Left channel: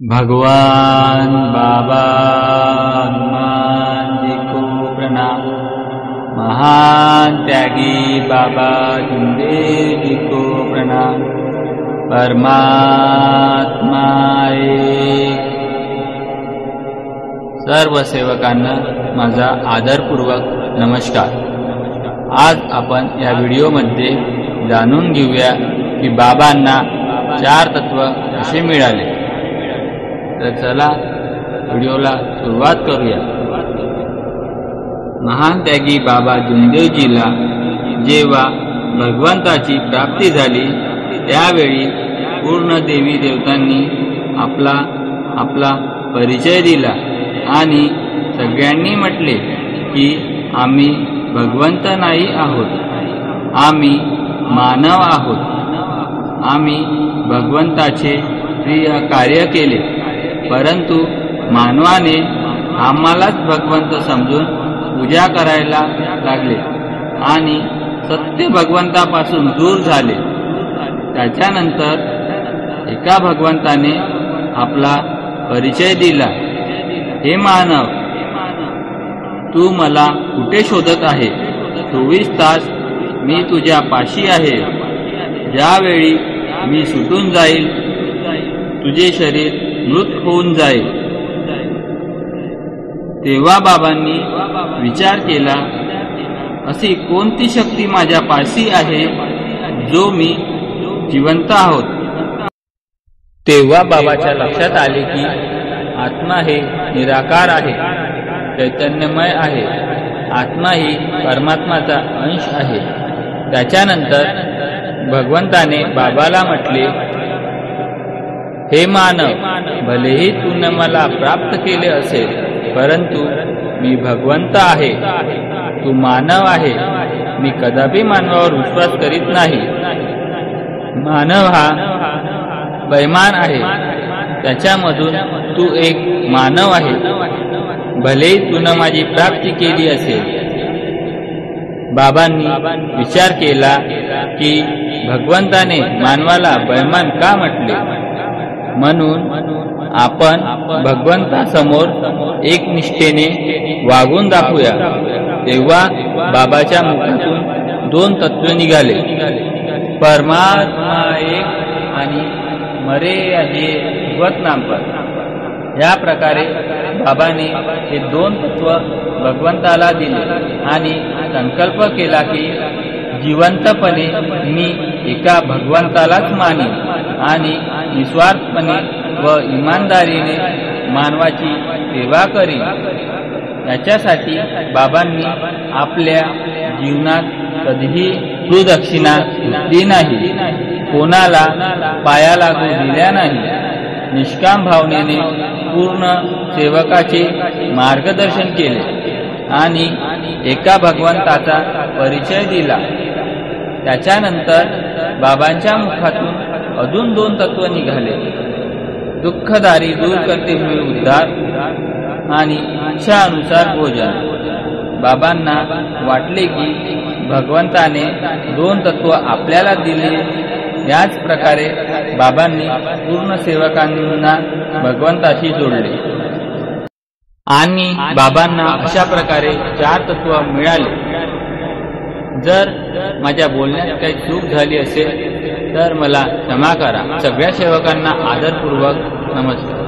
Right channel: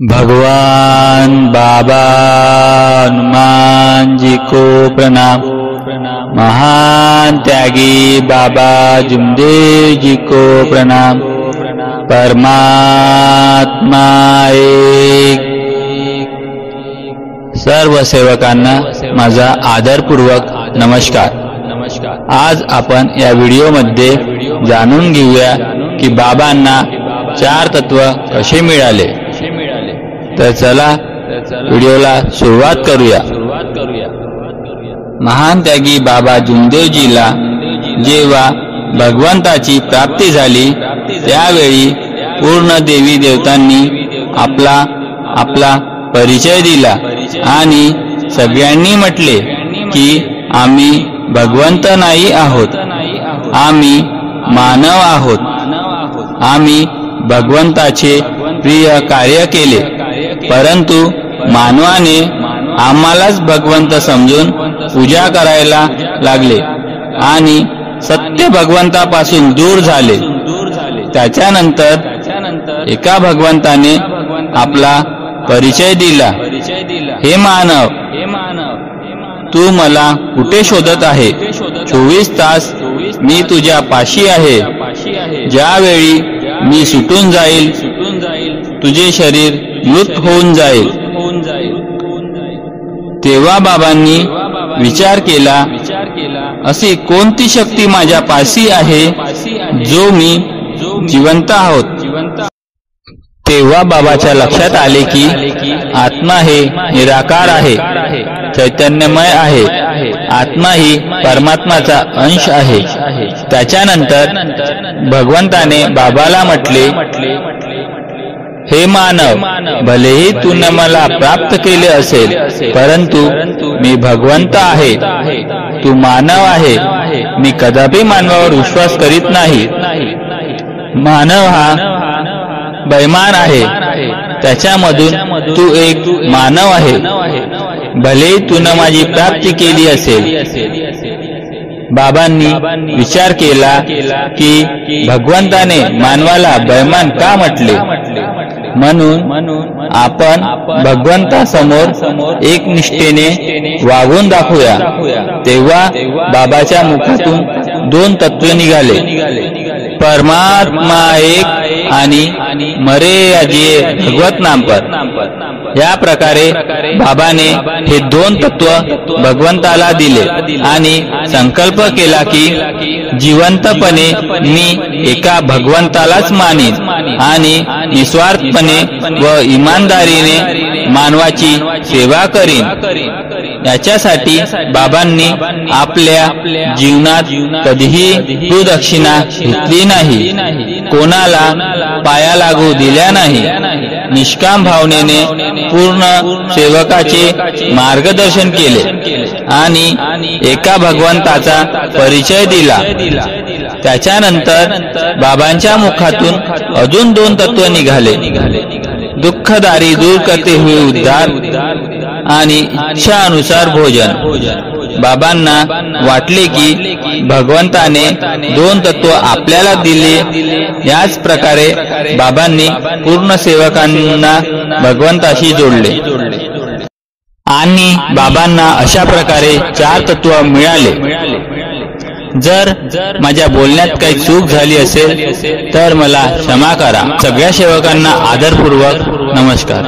भगवान बाबा हनुमान जी को प्रणाम। महान त्यागी बाबा जुमदेव जी को प्रणाम। परमात्मा एक। सर्व सेवकांना माझा आदरपूर्वक नमस्कार। आज आपण या व्हिडिओमध्ये जाणून घेऊया की बाबांना चार तत्व कसे मिळाले। तर चला व्हिडिओला सुरुवात करूया। महान त्यागी बाबा जुमदेवजीला जेव्हा भगवंताची प्राप्ती झाली त्यावेळी पूर्ण देवी देवतांनी आपला परिचय दिला आणि सगळ्यांनी म्हटले की आम्ही भगवंत नाही आहोत, आम्ही मानव आहोत। आम्ही भगवंताचे प्रिय कार्य केले, परंतु मानवाने आम्हालाच भगवंत समजून पूजा करायला लागले आणि सत्य भगवंतापासून दूर झाले। त्याच्यानंतर एका भगवंताने आपला परिचय दिला, हे मानव, तू मला कुठे शोधत आहे? 24 तास मी तुझ्या पाशी आहे। ज्यावेळी मी सुटून जाईल तुझे शरीर मृत होऊन जाईल। तेव्हा बाबांनी विचार केला, अशी कोणती शक्ती माझ्या पाशी आहे जो मी जिवंत आहोत। तेव्हा बाबाच्या लक्षात आले की आत्मा हे निराकार आहे, चैतन्यमय आहे। आत्मा ही परमात्माचा अंश आहे। त्याच्यानंतर भगवंताने बाबाला म्हटले, हे मानव, भलेही तूने मला प्राप्त केले असेल, परंतु मी भगवंत आहे, तू मानव आहे। मी कदापि मानवावर विश्वास करीत नाही। मानव हा बैमान आहे, त्याच्यामधून तू एक मानव आहे। भलेही तूने माझी प्राप्ती केली असेल। बाबांनी विचार केला की भगवंताने मानवाला बैमान का म्हटले, म्हणून आपण भगवंतासमोर एक निष्ठेने वागून दाखवूया। तेव्हा बाबाच्या मुखातून 2 तत्व निघाले, परमात्मा एक आणि मरे अजिये भगवत नाम पर। या प्रकारे बाबाने हे 2 तत्व भगवंताला दिले आणि संकल्प केला की जिवंतपणे मी एका भगवंतालाच मानीन आणि निस्वार्थपणे व इमानदारीने मानवाची सेवा करीन। याच्यासाठी बाबांनी आपल्या जीवनात कधीही गुरुदक्षिणा घेतली नाही, कोणाला पाया लागू दिल्या नाही। निष्काम भावनेने पूर्ण सेवकाचे मार्गदर्शन केले आणि एका भगवंताचा परिचय दिला। त्याच्यानंतर बाबांच्या मुखातून अजून 2 तत्व निघाले, दुःखदारी दूर करते हुए उद्धार आणि इच्छानुसार भोजन। बाबांना वाटले की भगवंताने 2 तत्व आपल्याला दिले। याच प्रकारे बाबांनी पूर्ण सेवकांना भगवंताशी जोडले आणि बाबांना अशा प्रकारे 4 तत्व मिळाले। जर माझ्या बोलण्यात काही चूक झाली असेल तर मला क्षमा करा। सगळ्या सेवकांना आदरपूर्वक नमस्कार।